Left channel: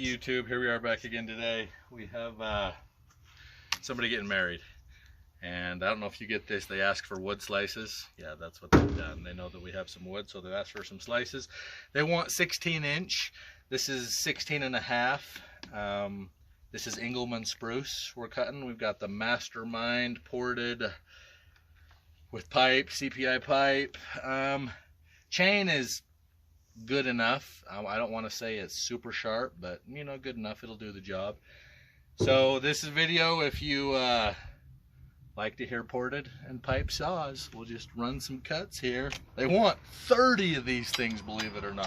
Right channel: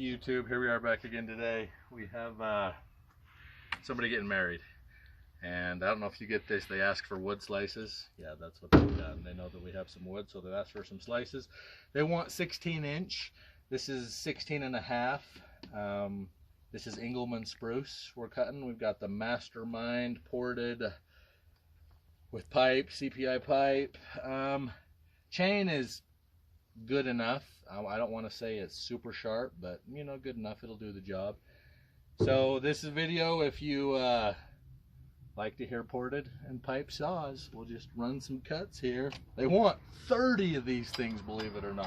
YouTube, here we are back again today. We have somebody getting married, and I don't know if you get this, they ask for wood slices. Yeah, that's what they've done. They know that we have some wood, so they asked for some slices. They want 16-inch. This is 16 and a half. This is Engelmann spruce we're cutting. We've got the Mastermind ported with pipe, CPI pipe. Chain is good enough. I don't want to say it's super sharp, but you know, good enough. It'll do the job. So this is a video if you like to hear ported and pipe saws. We'll just run some cuts here. They want 30 of these things, believe it or not.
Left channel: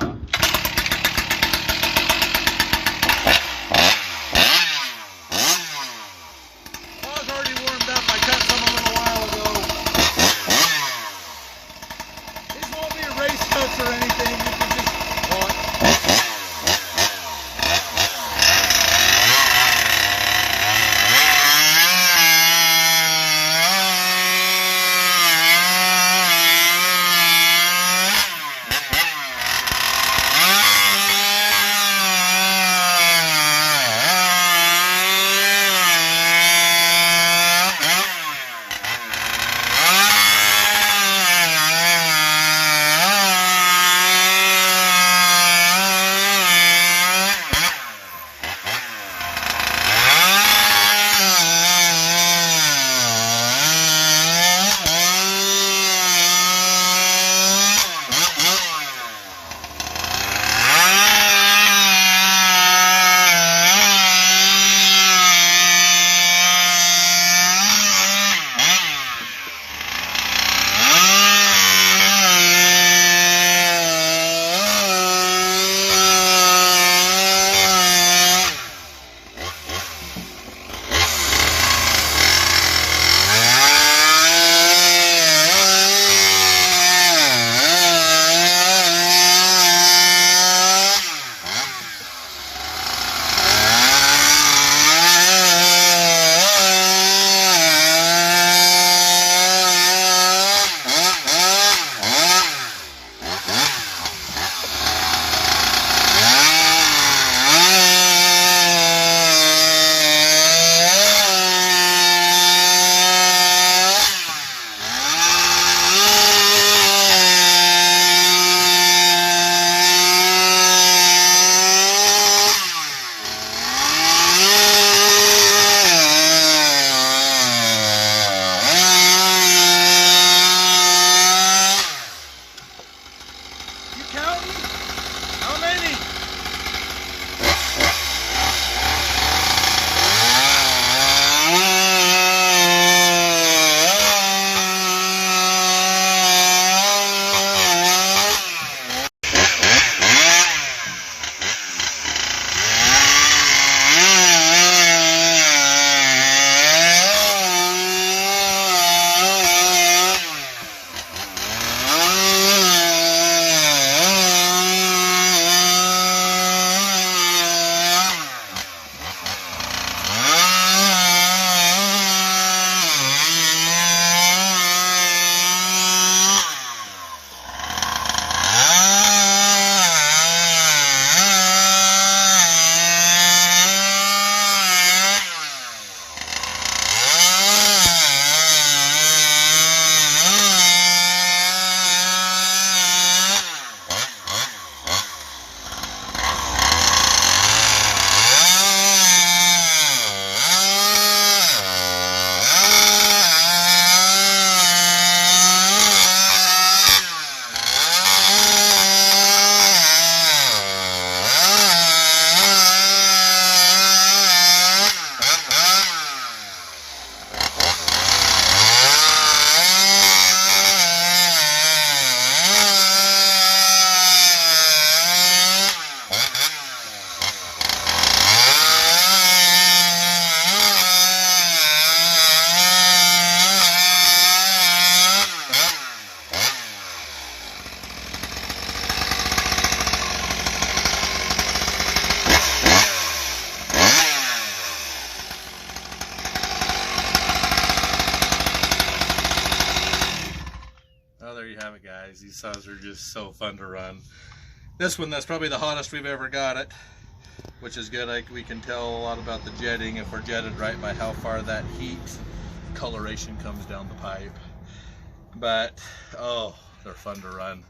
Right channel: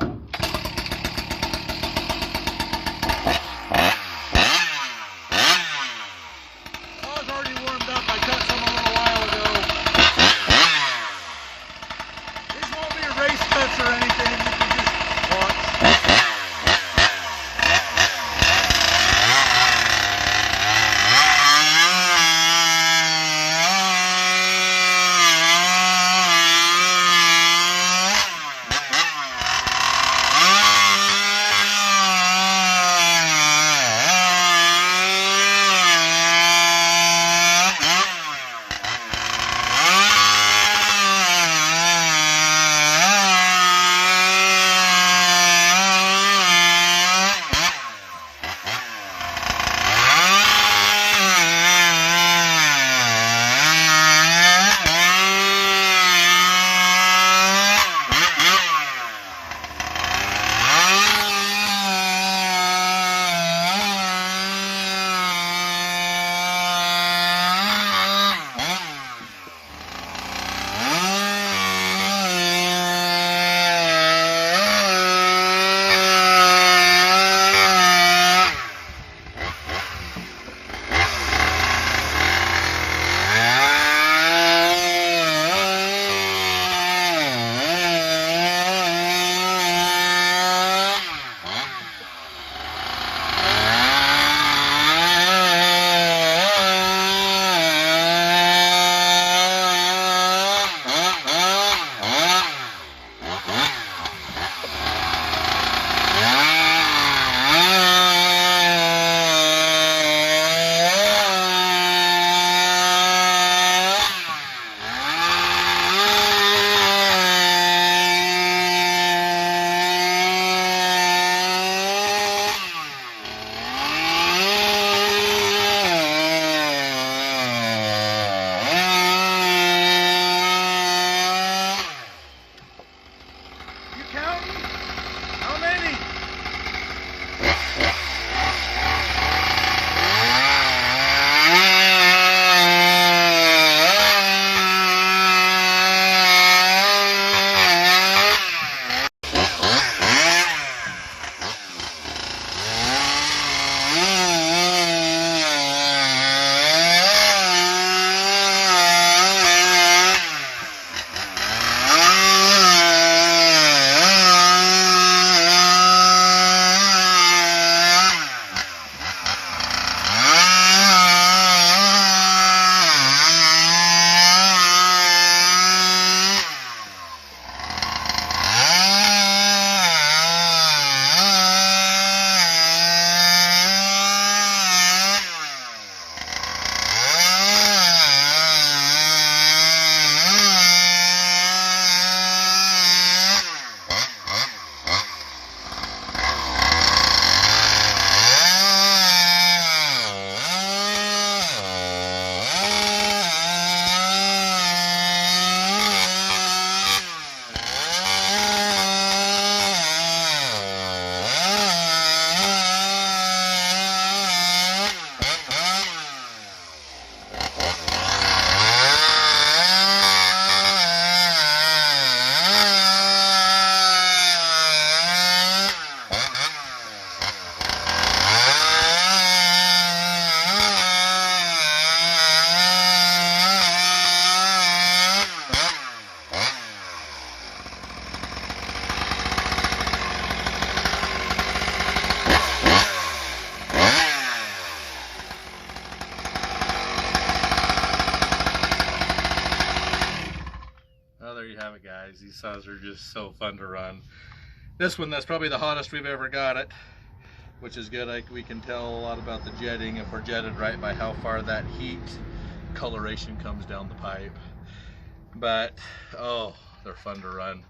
Saw's already warmed up. I cut some a little while ago. These won't be a race cuts or anything. You can just walk. How many? There you have it, guys. These saws are just so fun to run. This one, that's probably the hottest we've ever got it. which is good. Like, we can tell a lot about the jetting if we're jetted right by how far that heat coloration comes down the pipe. But oh, they're fun to run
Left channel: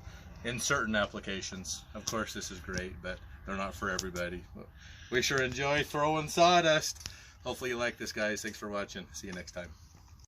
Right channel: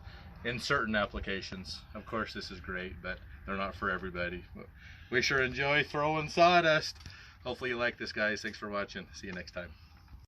in certain applications. Of course, this is great, but they're not for everybody. We sure enjoy throwing sawdust. Hopefully you like this, guys. Thanks for watching. See you next time.